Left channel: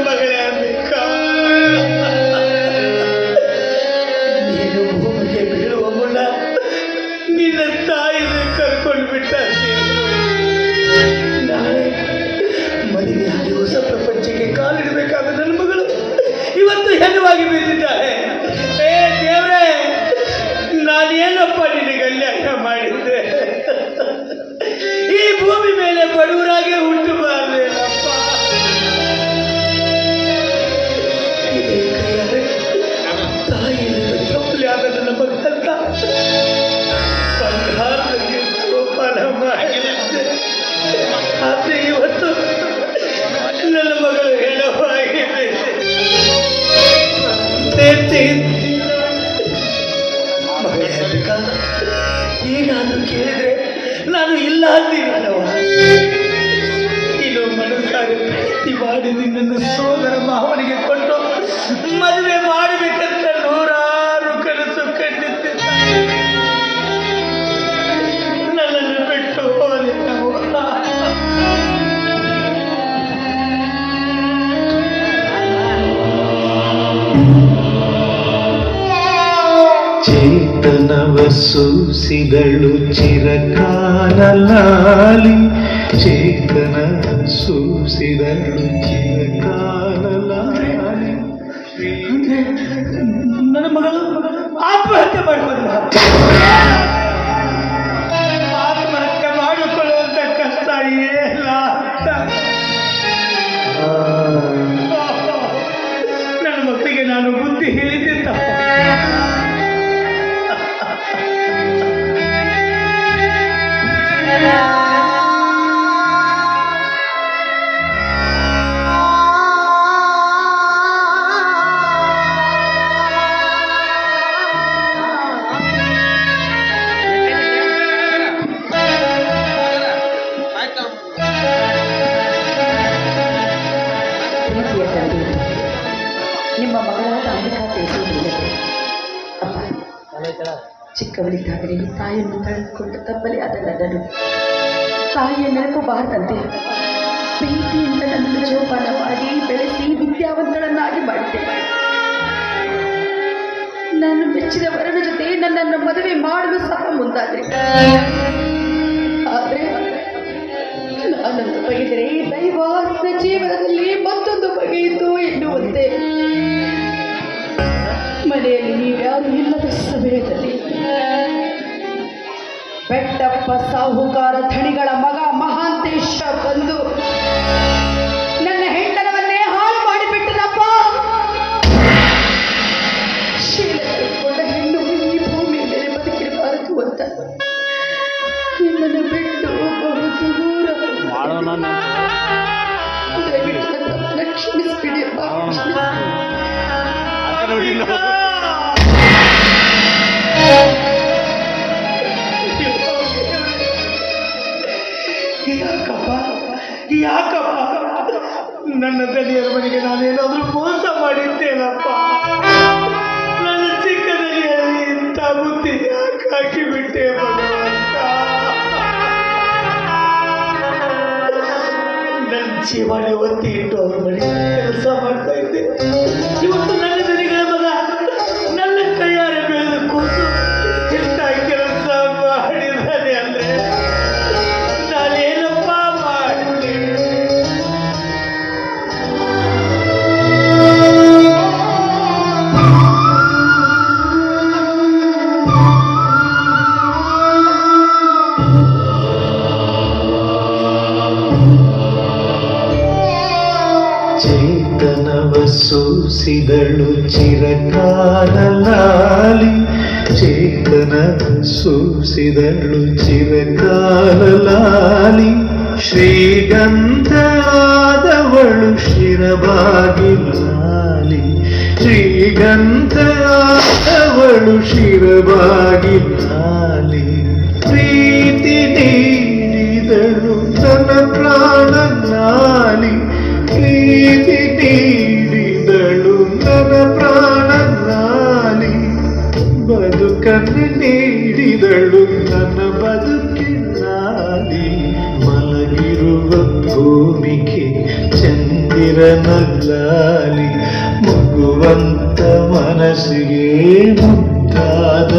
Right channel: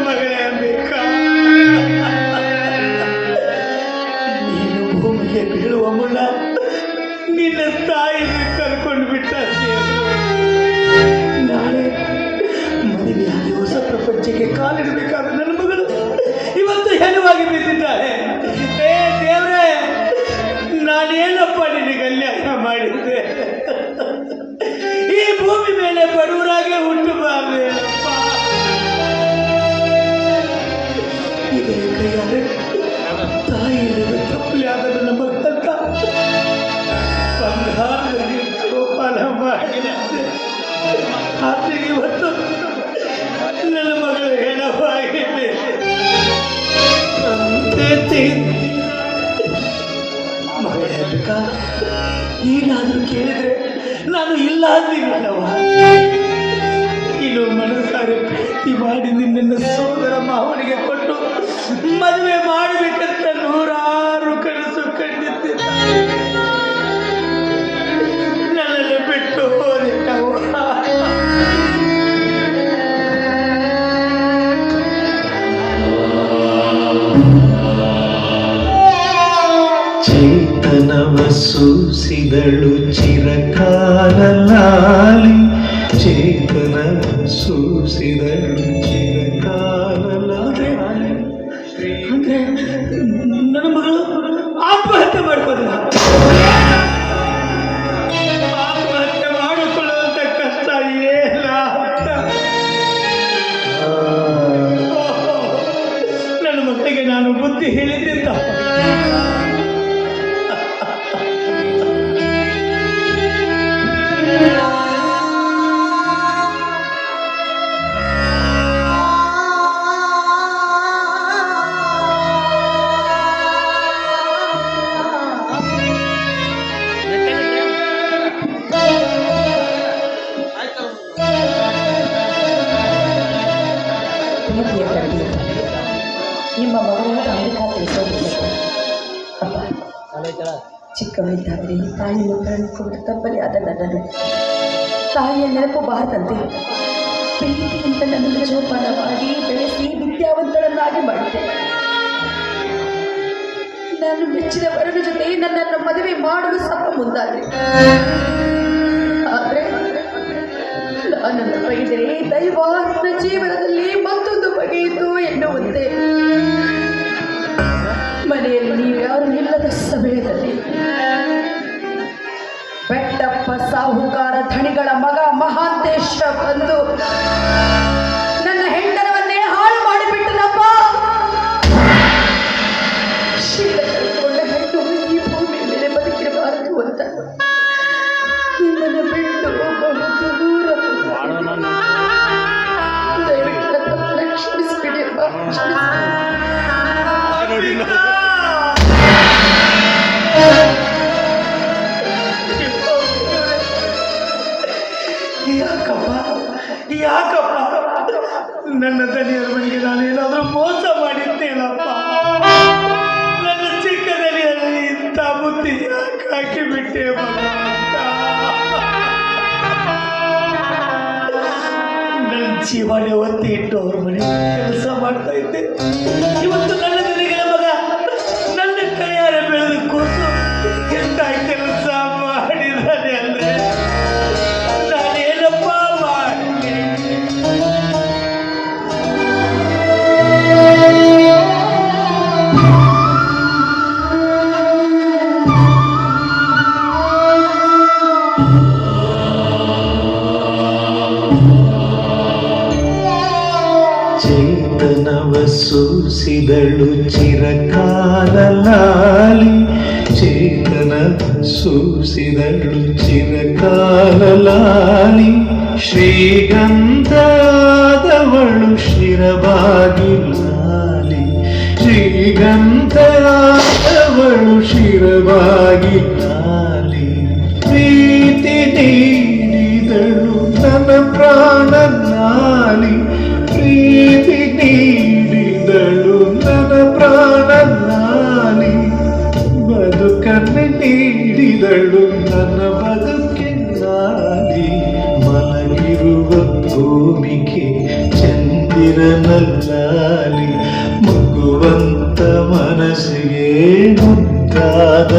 என்பது ನಾನು ಇಲ್ಲ ಅಂತೀನಿ ಚೇತನವ ಸೂಸಿದಳು ಚಿರಕಾಲ ಲಾಲಿ ಚೇತನ ಸೂಸಿದಳು ಚಿರಕಾಲ ಅಂಬಿಕಾ ತಿಳಿಸೋದಿಲ್ಲ ಅಪ್ಪ ಚಿಕ್ಕವಳಿದ್ದಾದರೆ ತಾಯಿಯನ್ನು ಕಳೆದುಕೊಂಡು ತಬ್ಬಲಿಯಾದ ನನ್ನನ್ನು ತಾಯಿಯ ನೆನಪು ಬಾರದಂತೆ ಅಂತ ನನ್ನನ್ನು ಜೋಪಾನ ಮಾಡಿ ಬೆಳೆಸಿ ವಿದ್ಯಾವಂತಳನ್ನಾಗಿ ಮಾಡಿದೆ. ನಾನು ಮೆಚ್ಚಿದ ವರನ ಜೊತೆ ನನ್ನನ್ನು ಮದುವೆ ಮಾಡಲು ಸಹ ಮುಂದಾದ್ರೆ ಸಾಹುಕಾರ ಧಣಿಗಳ ಮಗ ಮಹಾಂತೇಶ ಬಂದು ನನ್ನ ಹೆಂಡರವನ್ನೇ ಹಾಳು ಮಾಡಿಬಿಟ್ಟನಪ್ಪ. ಹೆಣ್ಣು ಈ ಭೂಮಿ ಮೇಲೆ ಬದುಕಿರಬಾರದು ಅಂತ. ನಿಮ್ಮನ್ನು ಬಿಟ್ಟು ಬಹು ದೂರ ದಯವಿಟ್ಟು ಯಾಕಪ್ಪ? ನನ್ನ ದನಿಯರ ಮನೆಗೆ ಏನಾದರೂ ಮೋಸ ಮಾಡಿದ್ದೇನಪ್ಪ? ನನ್ನ ಚಿಕ್ಕ ದನಿಯಲ್ಲಿ ಇಂಥ ಬುದ್ಧಿ ಯಾಕೆ ಹಾಕಿಬಿಟ್ಟೆ ನನ್ನ ಜೀವನ ಒತ್ತಿ ಇಟ್ಟು ಅವ್ರ ಮನೆ ಕೆಲಸ ಮಾಡ್ತಾ ಇದ್ದೆ. ಸೂಸಿದಳು ಚಿರಕಾಲ ಲಾಲಿ ಚೇತನ ಸೂಸಿದಳು ಚಿರಕಾಲ ಲಾಲಿ ಶ್ರೀಗಂಧಾದವಳು ಶಿರಬಾಗಿ ಲಾಲಿ ಶ್ರೀಗಂಧಾದವಳು ಶಿರಬಾಗಿ ಬದುಕನ್ನು ನೀಡಿದಳು ನನ್ನ ಬದುಕಿನಾಲಿ ಮಲಗಿರುವ ಭೂಮಿಗೆ ಚಂದಿರ ಚಂದಿರನಲ್ಲಾಲಿ ಮುಗುವಂತ ಮನಸ್ಸಿಗೆ ಮುದ್ದಾದ